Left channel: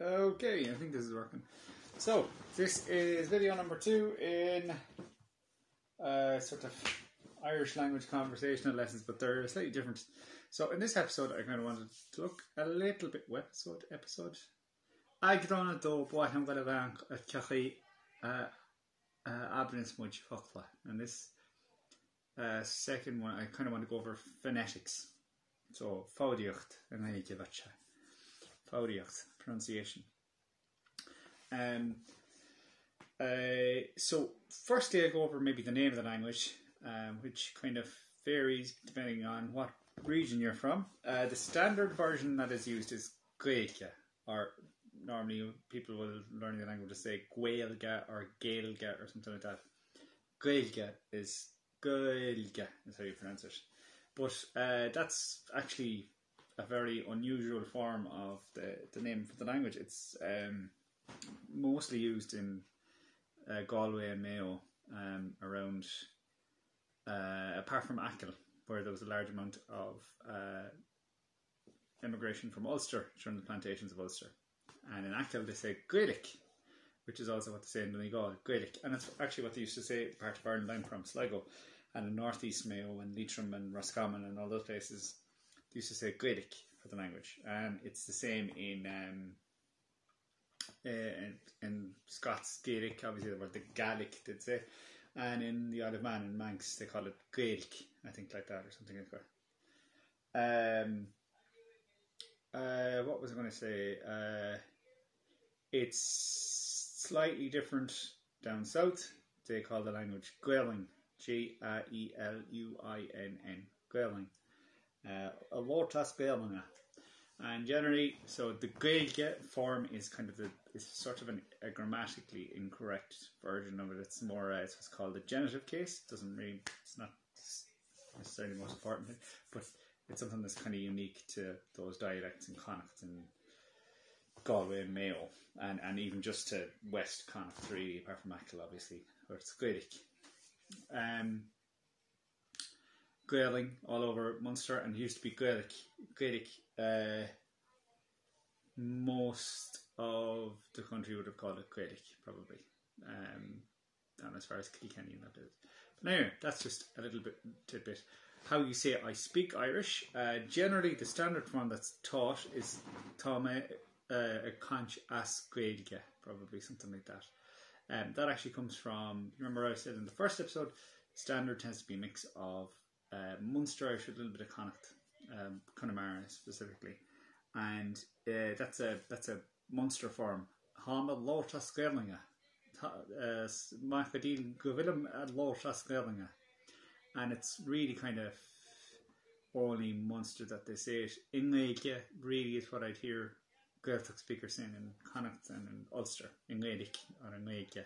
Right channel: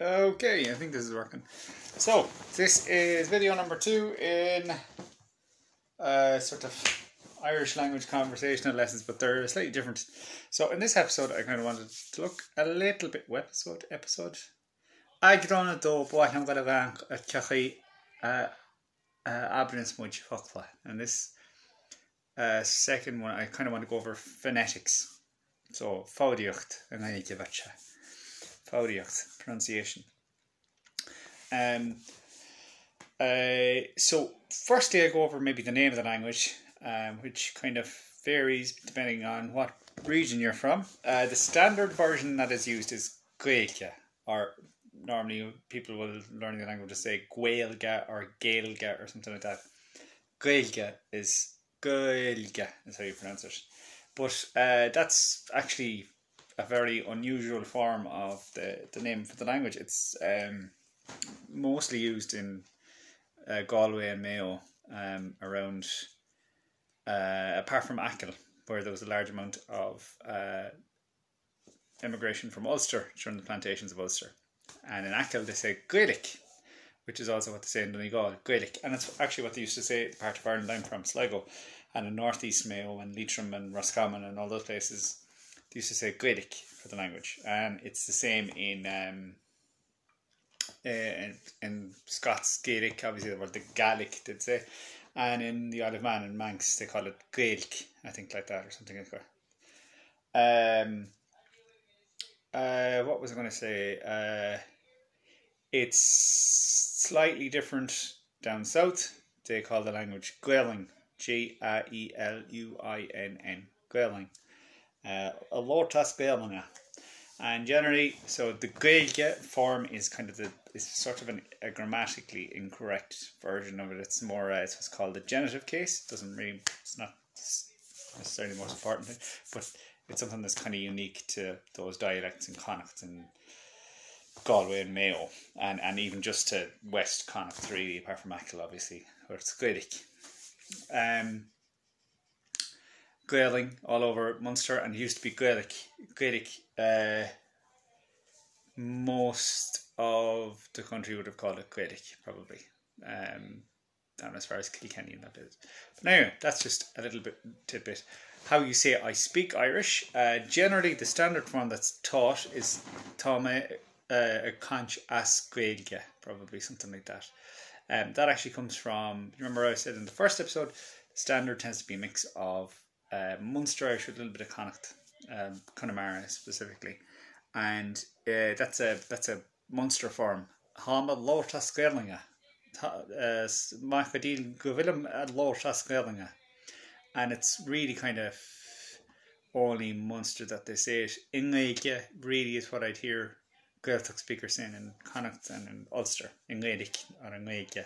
Okay, I think this is working. So, this is video number 2 in sort of Irish language conversational lessons, but they're slightly different. So, in this episode, I kind of wanted to look a little bit... Episode? I get on it though, but I'm going to rank at Cachi Abrinus Much Fokla. And this second one, I kind of want to go over phonetics. So, Faudiacht, and I give it Faudiacht, pronunciation. So, firstly, I go over maybe the name of the language, which kind of varies depending on what region you're from. The standard version that is used is Gaeilge, or normally people will learn the language to say Gaeilge or Gaeilge or something like that. Gaeilge is how you pronounce it. But that's actually a very unusual form of the name for the language. It's mostly used in Galway and Mayo around, apart from Achill, where there was a large amount of immigration from Ulster during the plantations of Ulster. And in Achill they say Gaelig, which is also what they say in Donegal, Gaelig. And it's actually what they used to say the part of Ireland I'm from, Sligo, and in North East Mayo and Leitrim and Roscommon and all those places, they used to say Gaelig for the language. And it's the same in Scots Gaelic, obviously the word the Gaelic did say, and in the Isle of Man and Manx they call it Gaeilge, I think, like that, or something like that. What was I going to say? It's slightly different down south. They call the language Gaeluinn, Gaeluinn, Gaeluinn. Alortas Gaeluinn. And generally, so the Gaeilge form is kind of is sort of a grammatically incorrect version of it. It's more, it's what's called the genitive case. It's not necessarily the most important thing, but it's something that's kind of unique to those dialects in Connacht and Galway and Mayo, and even just to West Connacht, really, apart from Achill, obviously, where it's Gaelic. Gaeling all over Munster, and it used to be Gaelic. Most of the country would have called it Gaelic, probably. Down as far as Kilkenny and that is. But anyway, that's just a little bit tidbit. How you say I speak Irish. Generally, the standard form that's taught is Táime a Conch as Gaeilge, probably something like that. That actually comes from, remember I said in the first episode, standard tends to be a mix of Munster Irish with a little bit of Connacht, Connemara specifically, and that's a Munster form. Háma Lortas Gaelinge, Mhaigh Gaeilge Lortas Gaelinge, and it's really kind of only Munster that they say it. Gaeilge really is what I'd hear Gaeltacht speakers saying in Connacht and in Ulster, Gaeilge or Gaeilge.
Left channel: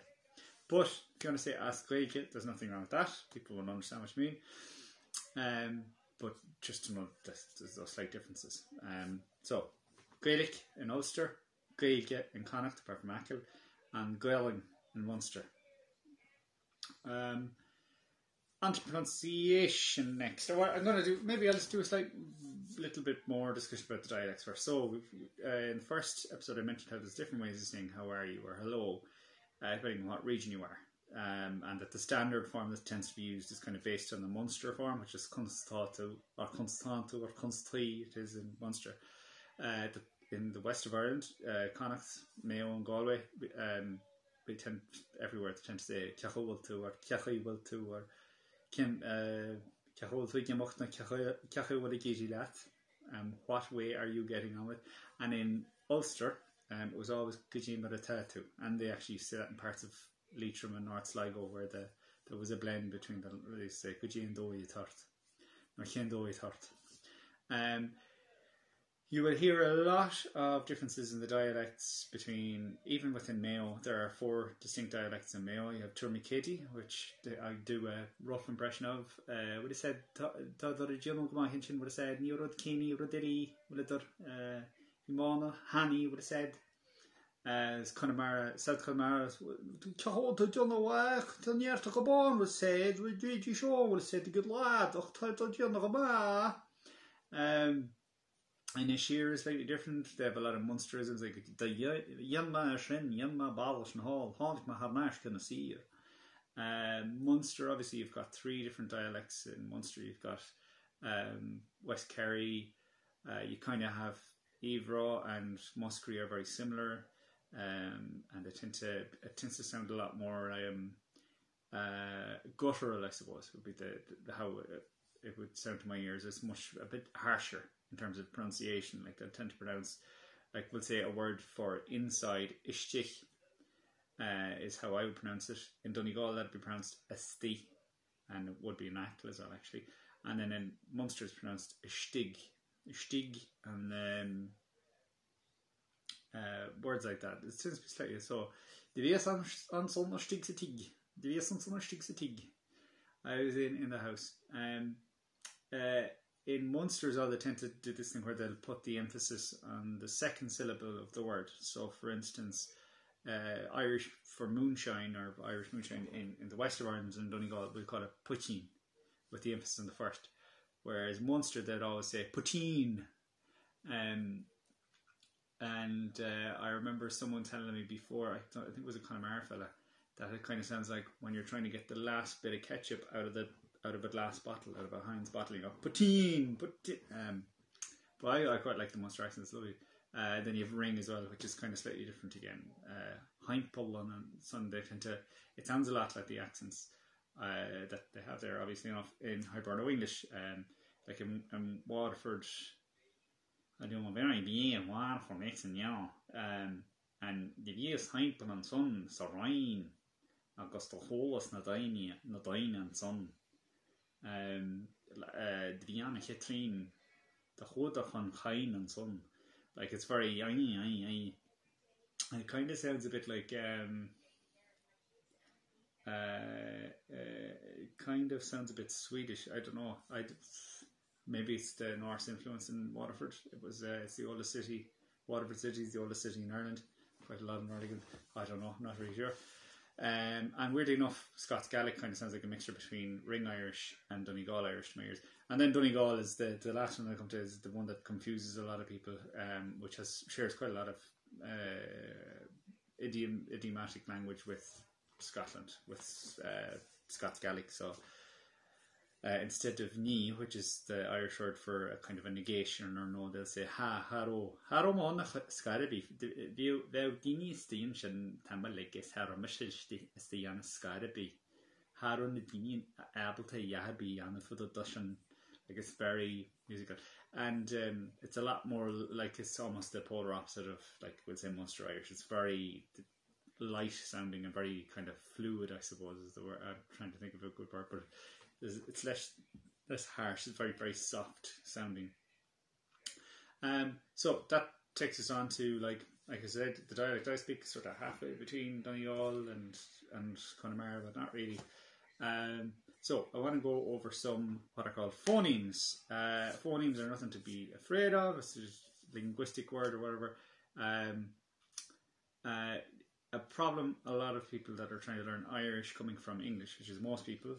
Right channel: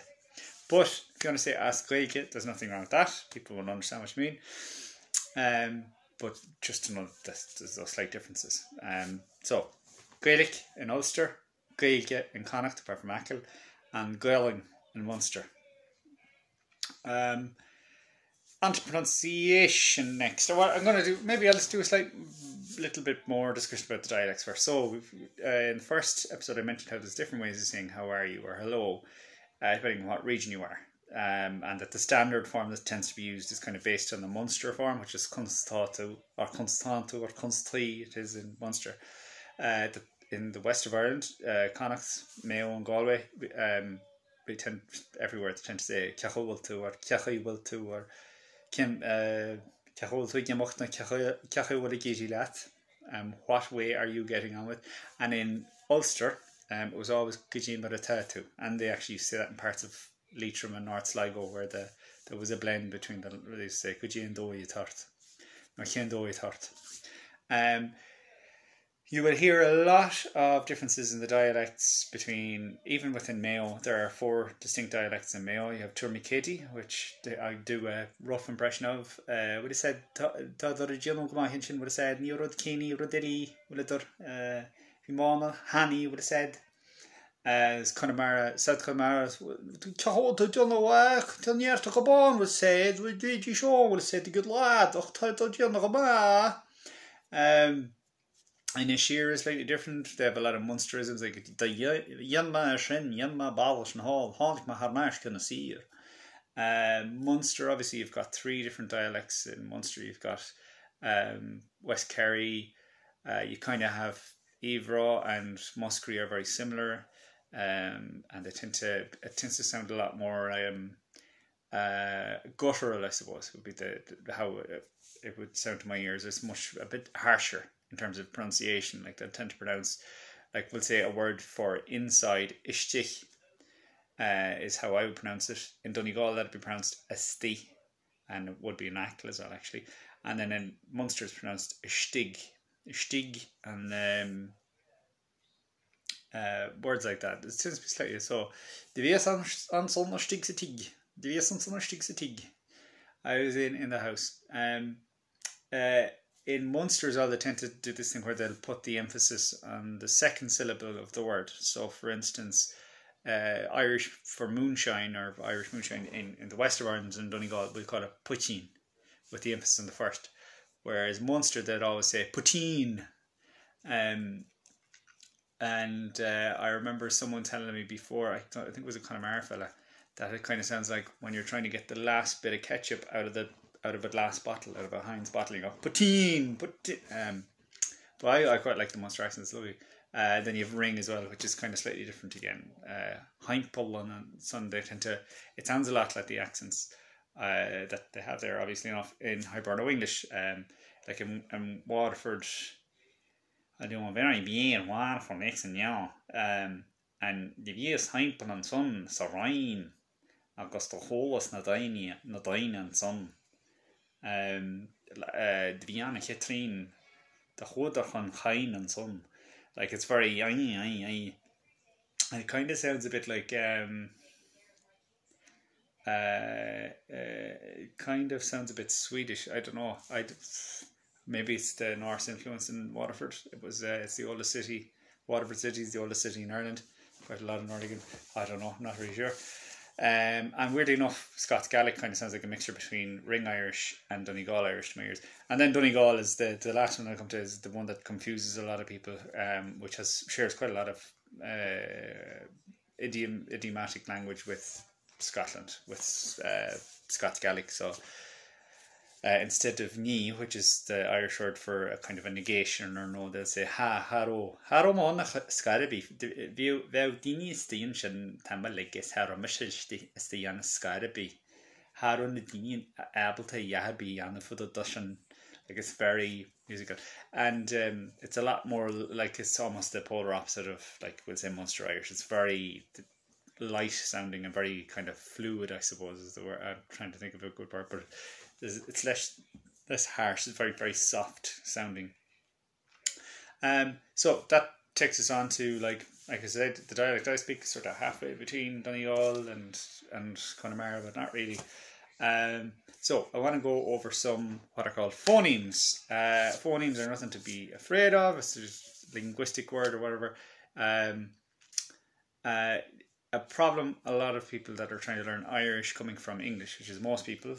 But if you want to say as Gaeilge, there's nothing wrong with that. People will understand what you mean. But just to know that there's those slight differences. So, Gaelic in Ulster, Gaeilge in Connacht, apart from Achill, and Gaeluinn in Munster. On to pronunciation next. What I'm going to do, maybe I'll just do a little bit more discussion about the dialects first. So, in the first episode I mentioned how there's different ways of saying how are you or hello, depending on what region you are. And that the standard form that tends to be used is kind of based on the Munster form, which is Constatu or Constantu or Constri, it is in Munster. In the west of Ireland, Connacht, Mayo and Galway, we tend, everywhere they tend to say Cachultu or Cachultu or what way are you getting on with? And in Ulster, it was always Gijin Baratatu, and they actually say that in parts of Leitrim and North Sligo, where there was a blend between the, they say Gijin Doi Tart or Chen Doi Tart. You will hear a lot of differences in the dialects between, even within Mayo. There are 4 distinct dialects in Mayo. You have Turmicati, which I do a rough impression of. Would have said Tadorigiano Gamahinchin would have said Niorod Kini, Rodeli, Willadur, Himama, Hani would have said. As Connemara, South Connemara, Cahota Jonawak, Tanyarta Cabon would have said, Widji Shaw would have said, the good lad, Octato Jonawama. And Ishir is slightly different. They have a lot of Munsterisms, like the Yanma Shin, Yanma Balish and Hall, Haunt Maharmash can see. Munster, obviously, you've got three different dialects in Munster. You've got West Kerry, you kind of have Evra and Muskerry are very similar, and it tends to sound a lot more guttural, I suppose, would be how it would sound to my ears. It's a bit harsher in terms of pronunciation. Like they tend to pronounce, like we'll say a word for inside, ishtich, is how I would pronounce it. In Donegal, that'd be pronounced asti, and it would be an ackle as well, actually. And then in Munster, it's pronounced ishtig, and words like that. It tends to be slightly so. The vies an son stig sa tig. The vies an son stig sa tig. I was in the house. In Munster as well, they tend to do this thing where they'll put the emphasis on the second syllable of the word. So, for instance, Irish for moonshine, or Irish moonshine in the west of Ireland and Donegal, we call it putin, with the emphasis on the first. Whereas Munster, they'd always say putin. And I remember someone telling me before, I think it was a Connemara fella, that it kind of sounds like when you're trying to get the last bit of ketchup out of a glass bottle, out of a Heinz bottle, you go putin. But I quite like the Munster accent. It's lovely. Then you have ring as well, which is kind of slightly different again. Heimpel and son, they tend to. It sounds a lot like the accents that they have there, obviously enough in Hiberno English. Like in Waterford, I do very bien Waterford next and now. And the vies Heimpel and son Sarain, Augusta Holas Nadaini and son. The Viana Ketrin, the Hodachan Hain and son. Like it's very it kind of sounds a bit like it kind of sounds a bit Swedish. I don't know. Maybe it's the Norse influence in Waterford. It's the oldest city. Waterford City is the oldest city in Ireland. Quite a lot in Nordigan. I don't know. I'm not really sure. And weirdly enough, Scots Gaelic kind of sounds like a mixture between Ring Irish and Donegal Irish to my ears. And then Donegal is the last one I come to, is the one that confuses a lot of people, which shares quite a lot of idiomatic language with Scotland, with Scots Gaelic. So instead of ni, which is the Irish word for a kind of a negation or no, they'll say haro mon scarabi. Vew dini stiin shin tamalikis haro mishishti stian scarabi. Haro nadini able to yahabi and for the dushan. Like it's very musical, and it's a lot more like it's almost the polar opposite of, like we'll say, Munster Irish. It's very light sounding and very kind of fluid, I suppose is the word. I'm trying to think of a good word, but it's less harsh. It's very, very soft sounding. So that takes us on to like I said, the dialect I speak is sort of halfway between Donegal and Connemara, but not really. So I want to go over some what are called phonemes. Phonemes are nothing to be afraid of. It's just a linguistic word or whatever. A problem a lot of people that are trying to learn Irish coming from English, which is most people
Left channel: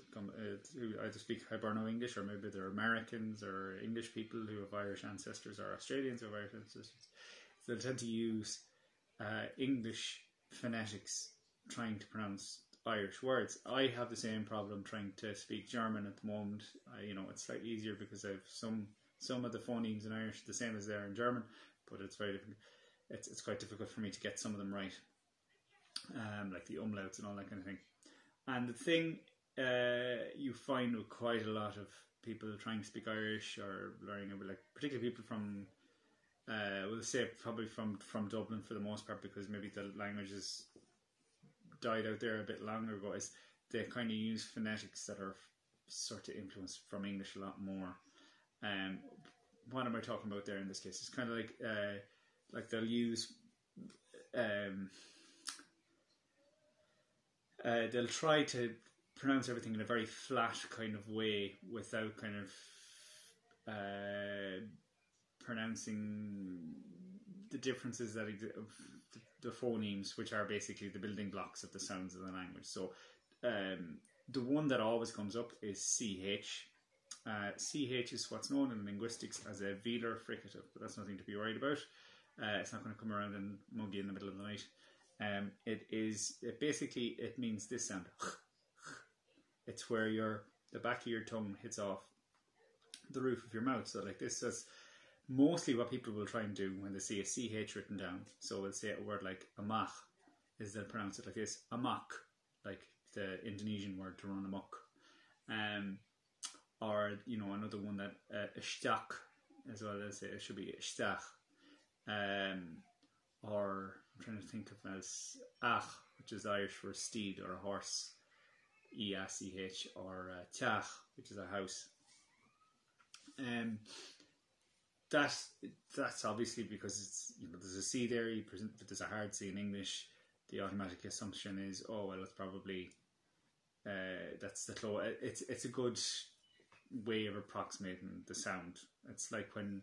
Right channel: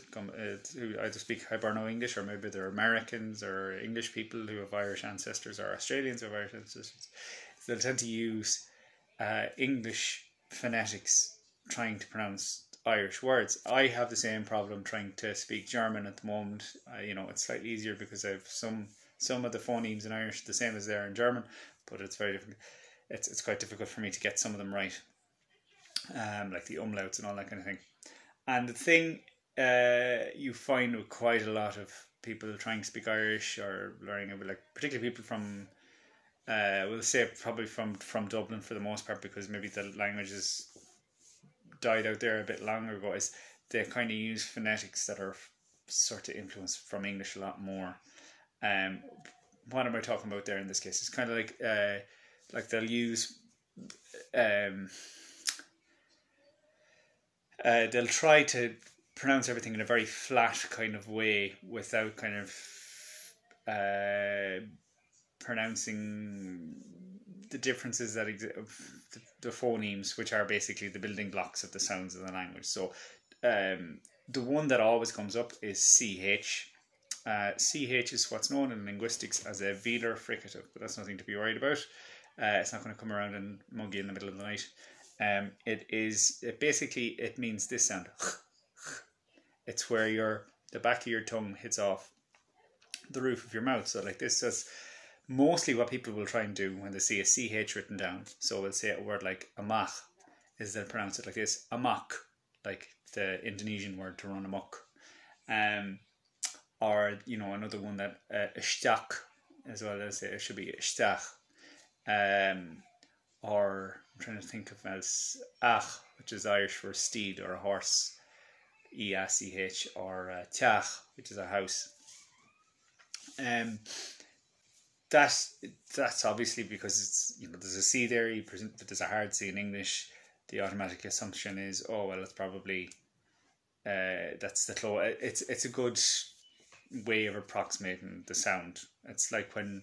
who either speak Hiberno English, or maybe they're Americans or English people who have Irish ancestors, or Australians who have Irish ancestors. They'll tend to use English phonetics trying to pronounce Irish words. I have the same problem trying to speak German at the moment. It's slightly easier because I have some of the phonemes in Irish the same as they are in German, but it's very difficult. It's quite difficult for me to get some of them right. Like the umlauts and all that kind of thing. And the thing you find with quite a lot of people trying to speak Irish or learning it, like particularly people from we'll say probably from Dublin for the most part, because maybe the language has died out there a bit longer ago, is they kind of use phonetics that are sort of influenced from English a lot more. What am I talking about there in this case? It's kind of like they'll use they'll try to pronounce everything in a very flat kind of way without kind of pronouncing the differences that exist of the phonemes, which are basically the building blocks of the sounds of the language. So the one that always comes up is CH, CH is what's known in linguistics as a velar fricative, but that's nothing to be worried about. It's not going to come around and mug you in the middle of the night. It means this sound. It's where the back of your tongue hits off the roof of your mouth. So like this. That's mostly what people will try and do when they see a CH written down. So we'll say a word like amach, is they'll pronounce it like this. Amok, like the Indonesian word to run amok. Or, another one that shtach as well, as it should be shtach. Or I'm trying to think of as ach, which is Irish for steed or a horse, EACH, or teach, which is a house. That's obviously because it's there's a C there. There's a hard C in English. The automatic assumption is, oh well, it's probably that's the close. It's a good way of approximating the sound. It's like when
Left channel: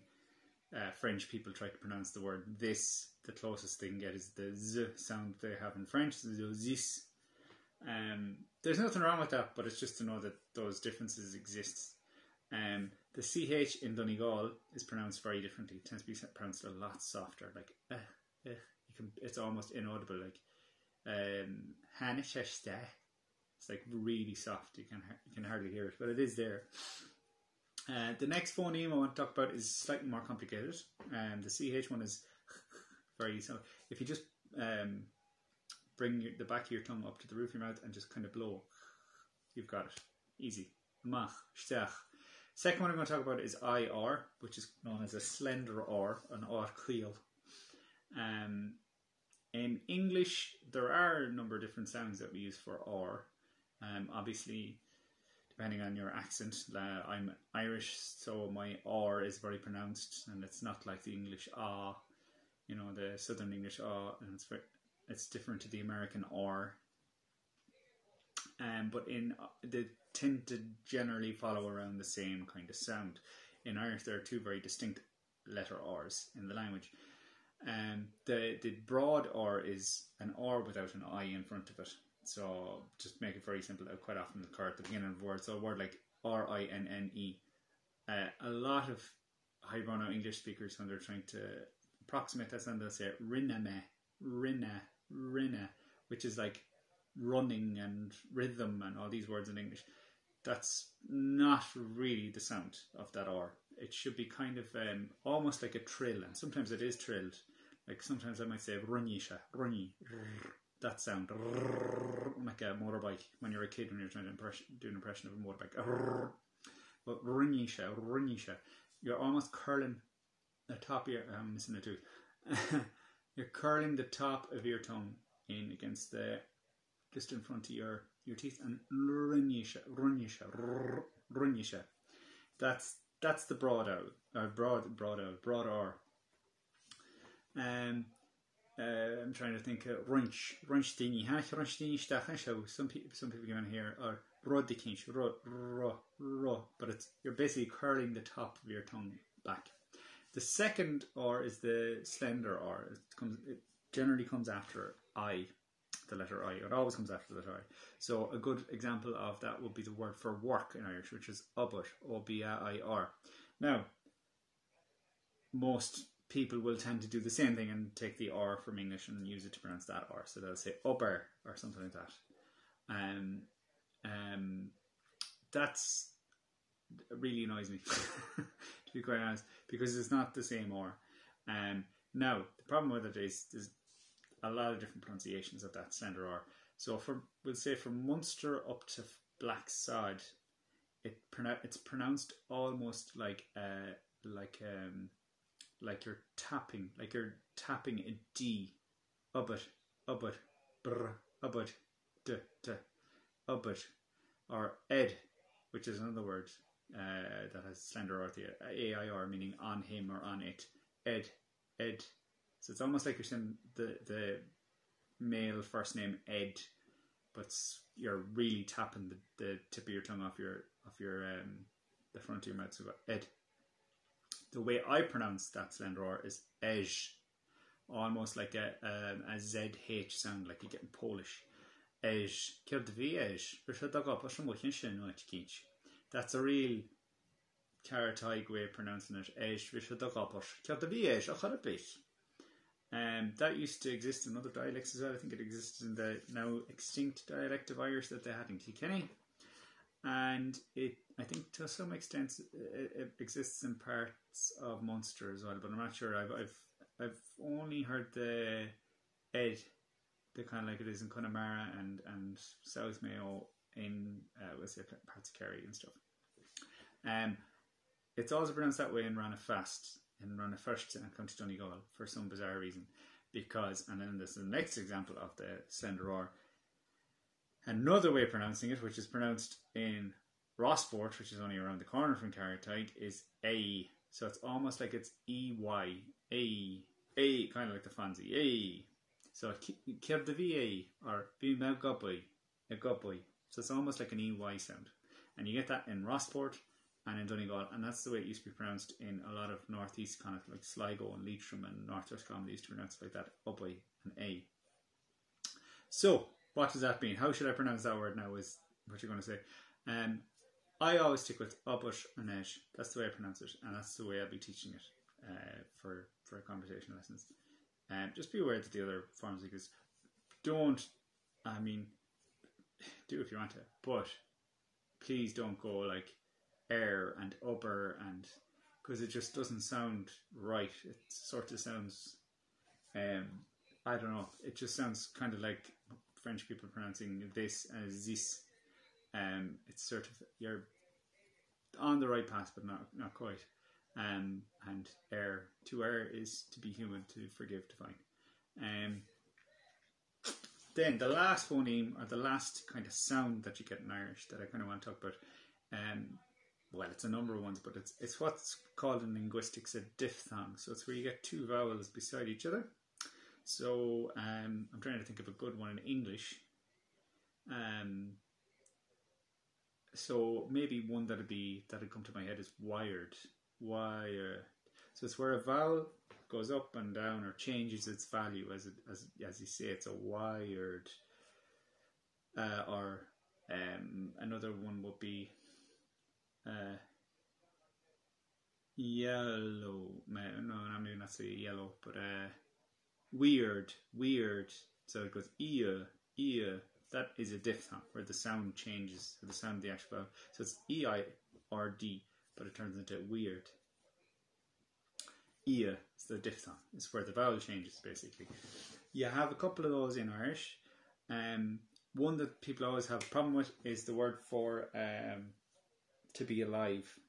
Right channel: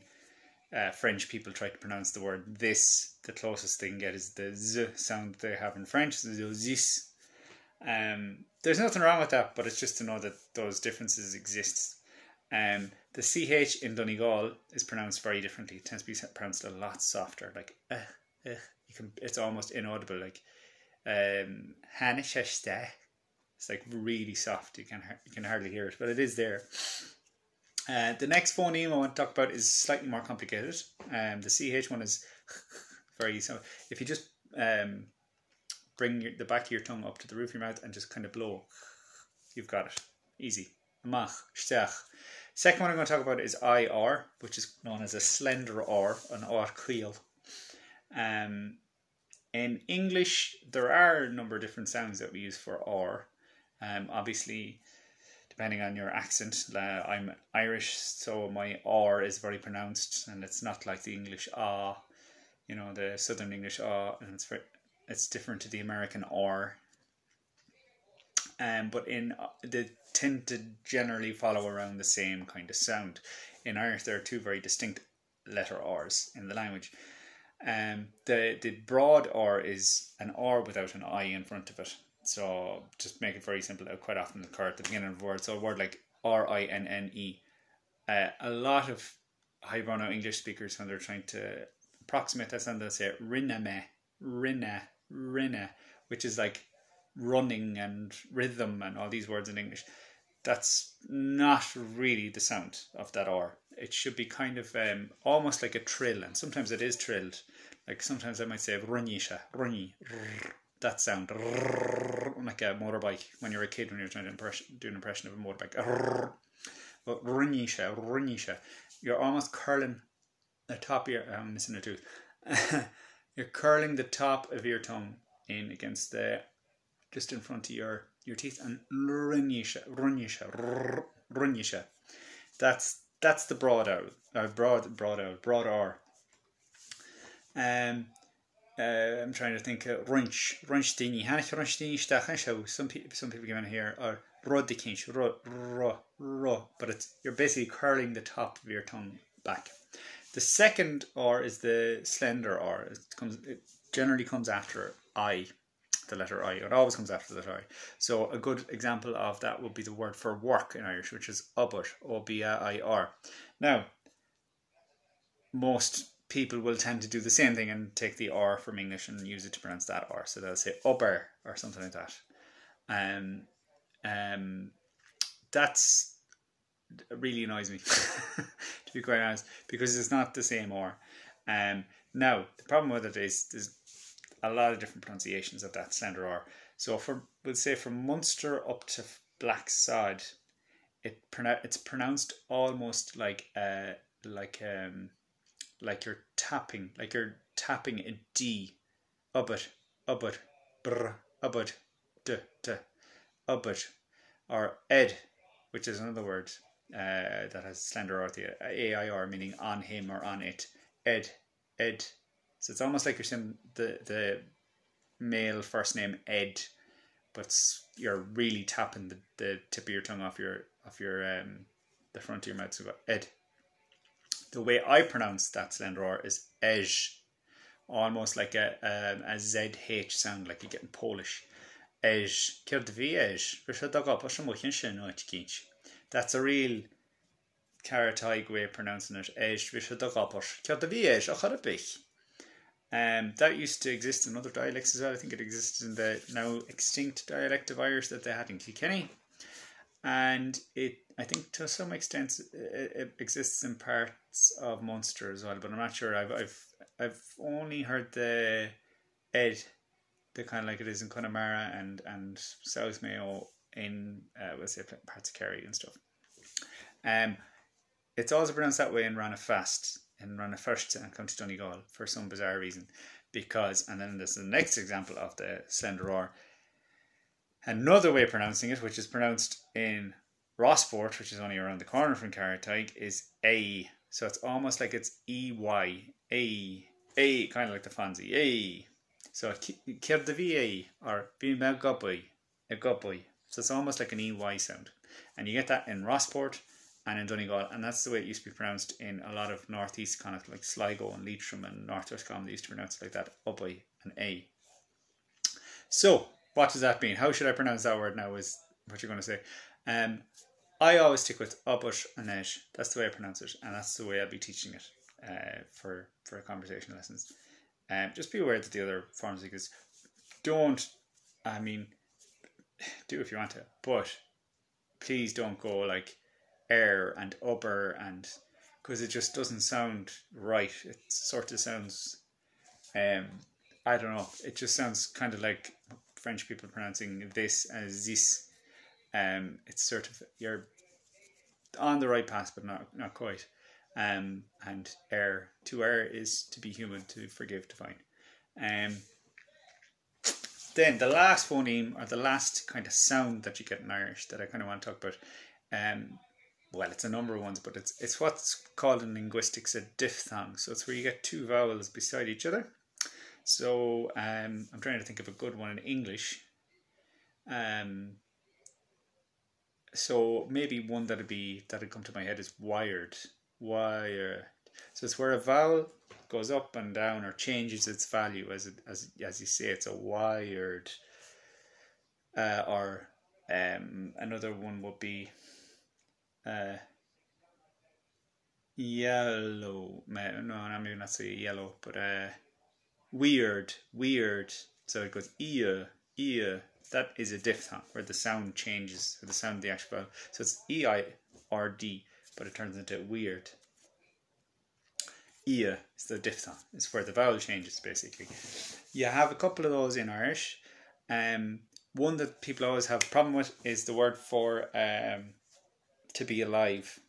French people try to pronounce the word this. The closest they can get is the z sound they have in French. So this. There's nothing wrong with that, but it's just to know that those differences exist. The CH in Donegal is pronounced very differently. It tends to be pronounced a lot softer, like it's almost inaudible, like it's like really soft. You can hardly hear it, but it is there. The next phoneme I want to talk about is slightly more complicated. The CH one is very easy. If you just bring the back of your tongue up to the roof of your mouth and just kind of blow, you've got it. Easy. Mhaigh, shtach. Second one I'm going to talk about is IR, which is known as a slender R, an R queel. In English, there are a number of different sounds that we use for R. Obviously, depending on your accent, I'm Irish, so my R is very pronounced, and it's not like the English ah, the Southern English ah, and it's different to the American R. But they tend to generally follow around the same kind of sound. In Irish, there are two very distinct letter R's in the language. The broad R is an R without an I in front of it. So just make it very simple. It quite often occur at the beginning of a word. So a word like RINNE. A lot of highbrow English speakers, when they're trying to approximate that sound, they'll say rinname, rinna, which is like running and rhythm and all these words in English. That's not really the sound of that R. It should be kind of almost like a trill, and sometimes it is trilled. Like sometimes I might say runnisha, runny, that sound, like a motorbike when you're a kid, when you're trying to do an impression of a motorbike. But runnisha, you're almost curling the top of your, I'm missing a tooth. You're curling the top of your tongue in against just in front of your teeth, and runnisha. That's the broad R. I'm trying to think. Runchtini. Some people come in here are rodikinch, ro, but you're basically curling the top of your tongue back. The second R is the slender R. It generally comes after I. The letter I. It always comes after the letter I. So a good example of that would be the word for work in Irish, which is obir, O-B-I-R. Now, most people will tend to do the same thing and take the R from English and use it to pronounce that R. So they'll say obir or something like that. That's really annoys me, to be quite honest, because it's not the same R. Now, the problem with it is there's a lot of different pronunciations of that slender R. So we'll say from Munster up to Black Sod, it's pronounced almost like you're tapping a D. Ubbut, brr, ubbut, d, ubbut, or ed, which is another word that has slender R, AIR, meaning on him or on it. Ed. So it's almost like you're saying the male first name Ed, but you're really tapping the tip of your tongue off your the front of your mouth. So Ed. The way I pronounce that slender R is Ej, almost like a ZH sound, like you get in Polish. Ej. That's a real Carataig way of pronouncing it, that used to exist in other dialects as well. I think it existed in the now extinct dialect of Irish that they had in Kilkenny, and I think to some extent it exists in parts of Munster as well, but I'm not sure. I've only heard the Ed, the kind of like it is in Connemara and South Mayo in we'll say parts of Kerry and stuff. It's also pronounced that way in Ranafast, in Ranafirst and County Donegal for some bizarre reason, because, and then this is the next example of the slender R. Another way of pronouncing it, which is pronounced in Rossport, which is only around the corner from Carataig, is A. So it's almost like it's EY, A, kind of like the Fonzie, A. So Kier the VA or Bimagubby, a gubby. So it's almost like an EY sound. And you get that in Rossport and in Donegal, and that's the way it used to be pronounced in a lot of northeast, kind of like Sligo and Leitrim and northwest Common. They used to pronounce it like that, Ubby and A. So what does that mean? How should I pronounce that word now is what you're going to say. I always stick with Ubbut and Esh. That's the way I pronounce it, and that's the way I'll be teaching it for conversation lessons. Just be aware that the other forms exist. Don't, I mean, do if you want to, but please don't go like air and upper, and because it just doesn't sound right. It sort of sounds, I don't know, it just sounds kind of like French people pronouncing this as this. It's sort of, you're on the right path, but not quite. And err, to err is to be human, to forgive, to find. Then the last phoneme, or the last kind of sound that you get in Irish that I kind of want to talk about, well, it's a number of ones, but it's what's called in linguistics a diphthong. So it's where you get two vowels beside each other. So I'm trying to think of a good one in English. So maybe one that'd come to my head is wired. Wire. So it's where a vowel goes up and down or changes its value as you say. It's a wired. Or another one would be yellow. No, maybe not say yellow, but weird. So it goes ear. That is a diphthong where the sound changes, or the sound of the actual vowel. So it's EI or D, but it turns into weird. Ia is the diphthong. It's where the vowel changes, basically. You have a couple of those in Irish. One that people always have a problem with is the word for to be alive.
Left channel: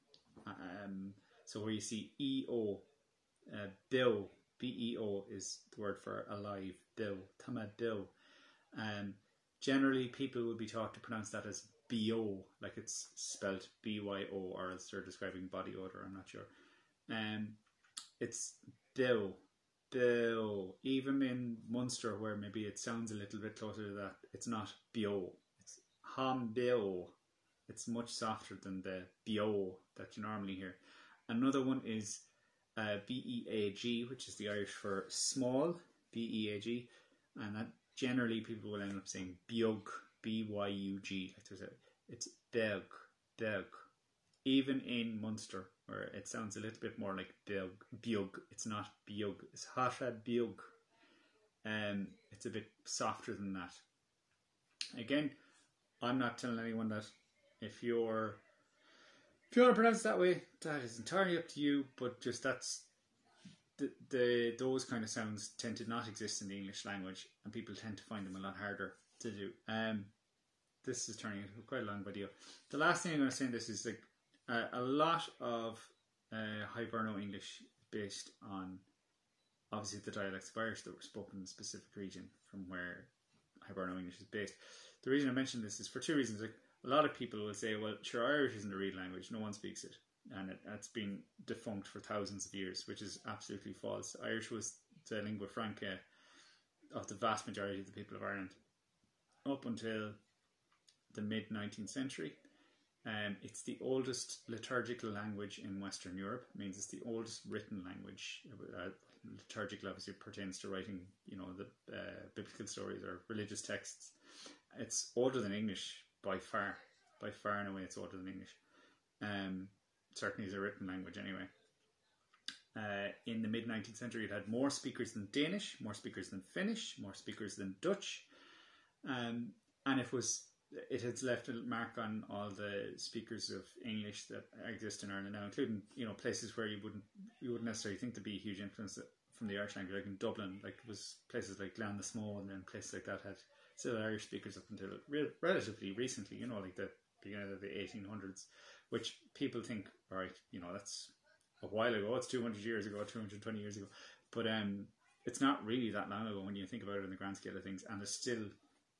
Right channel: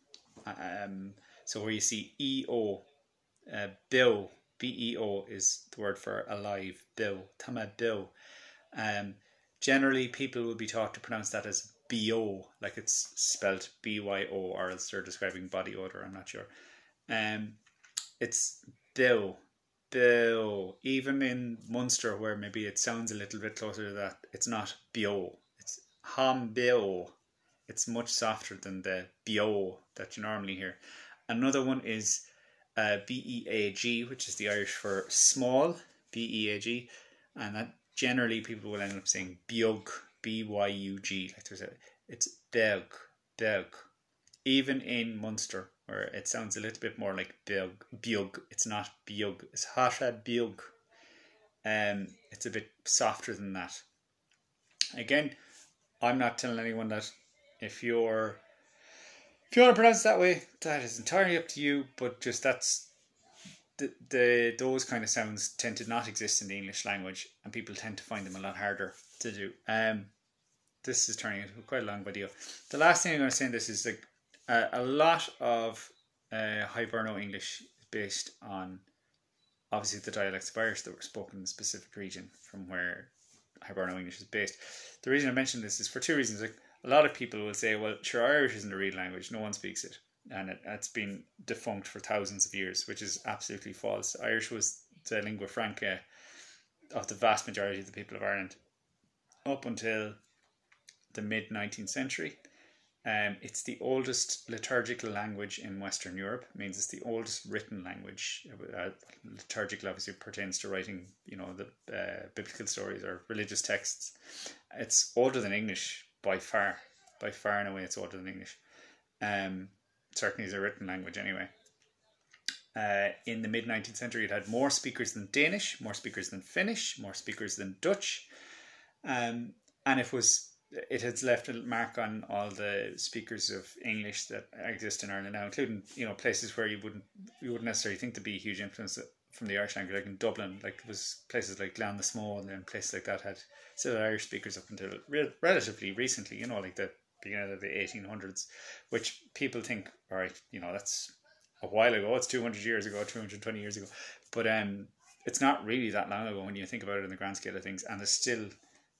So where you see EO, bill, BEO is the word for alive, bill, tama bill. Generally, people will be taught to pronounce that as BO, like it's spelled BYO, or else they're describing body odor, I'm not sure. It's bill. Even in Munster, where maybe it sounds a little bit closer to that, it's not bio, it's ham bio. It's much softer than the bio that you normally hear. Another one is BEAG, which is the Irish for small, BEAG, and that generally people will end up saying biug, BYUG. Like it's beg. Even in Munster, where it sounds a little bit more like biug, it's not biug, it's hasha biug. It's a bit softer than that. Again, I'm not telling anyone that if you want to pronounce it that way, that is entirely up to you, but just that's those kind of sounds tend to not exist in the English language, and people tend to find them a lot harder to do. This is turning into quite a long video. The last thing I'm going to say in this is like a lot of Hiberno English is based on obviously the dialects of Irish that were spoken in a specific region from where Hiberno English is based. The reason I mention this is for two reasons. Like, a lot of people will say, well, sure, Irish isn't a real language, no one speaks it, and it's been defunct for thousands of years, which is absolutely false. Irish was the lingua franca of the vast majority of the people of Ireland up until the mid-19th century. It's the oldest liturgical language in Western Europe. It means it's the oldest written language. Liturgical obviously pertains to writing, the biblical stories or religious texts. It's older than English by far and away. It's older than English. certainly as a written language anyway. In the mid-19th century, it had more speakers than Danish, more speakers than Finnish, more speakers than Dutch, and it has left a mark on all the speakers of English that exist in Ireland now, including places where you wouldn't necessarily think to be a huge influence from the Irish language, like in Dublin. Like it was places like Glan the Small and places like that had still Irish speakers up until relatively recently. Like the beginning of the 1800s, which people think, all right, that's a while ago. It's 200 years ago, 220 years ago, but it's not really that long ago when you think about it in the grand scale of things, and there's still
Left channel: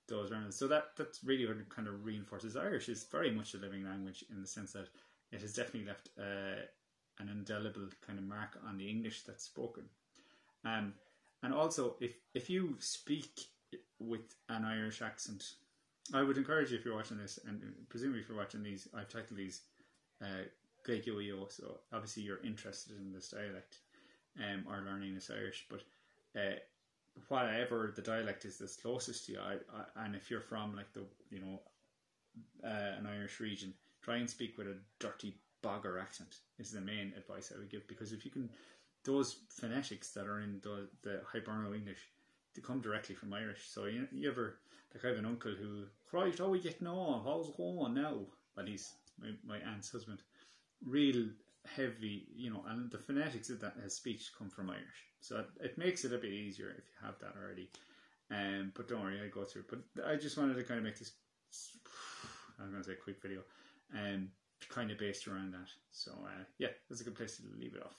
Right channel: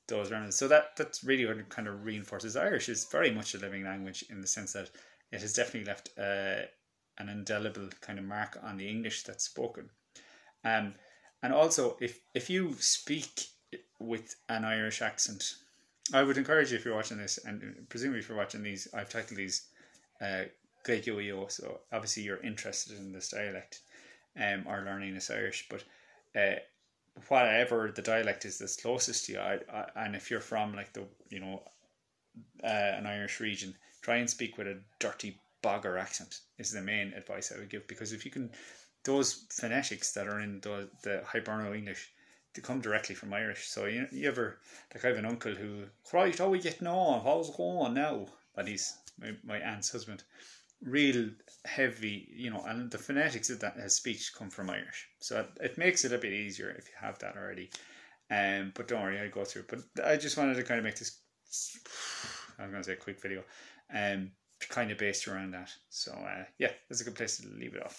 those remnants. So that's really what it kind of reinforces. Irish is very much a living language in the sense that it has definitely left an indelible kind of mark on the English that's spoken. And also, if you speak with an Irish accent, I would encourage you, if you're watching this, and presumably if you're watching these, I've titled these Gaeilge, so obviously you're interested in this dialect or learning this Irish, but whatever the dialect is that's closest to you, and if you're from like an Irish region, try and speak with a dirty bogger accent is the main advice I would give, because if you can, those phonetics that are in the Hiberno English, they come directly from Irish. So you ever, like I have an uncle who, right, how are we getting on? How's it going now? But he's my aunt's husband. Real heavy, and the phonetics of that his speech come from Irish, so it makes it a bit easier if you have that already. But don't worry, I'll go through it. But I just wanted to kind of make this, I was going to say, quick video, kind of based around that. So yeah, that's a good place to leave it off.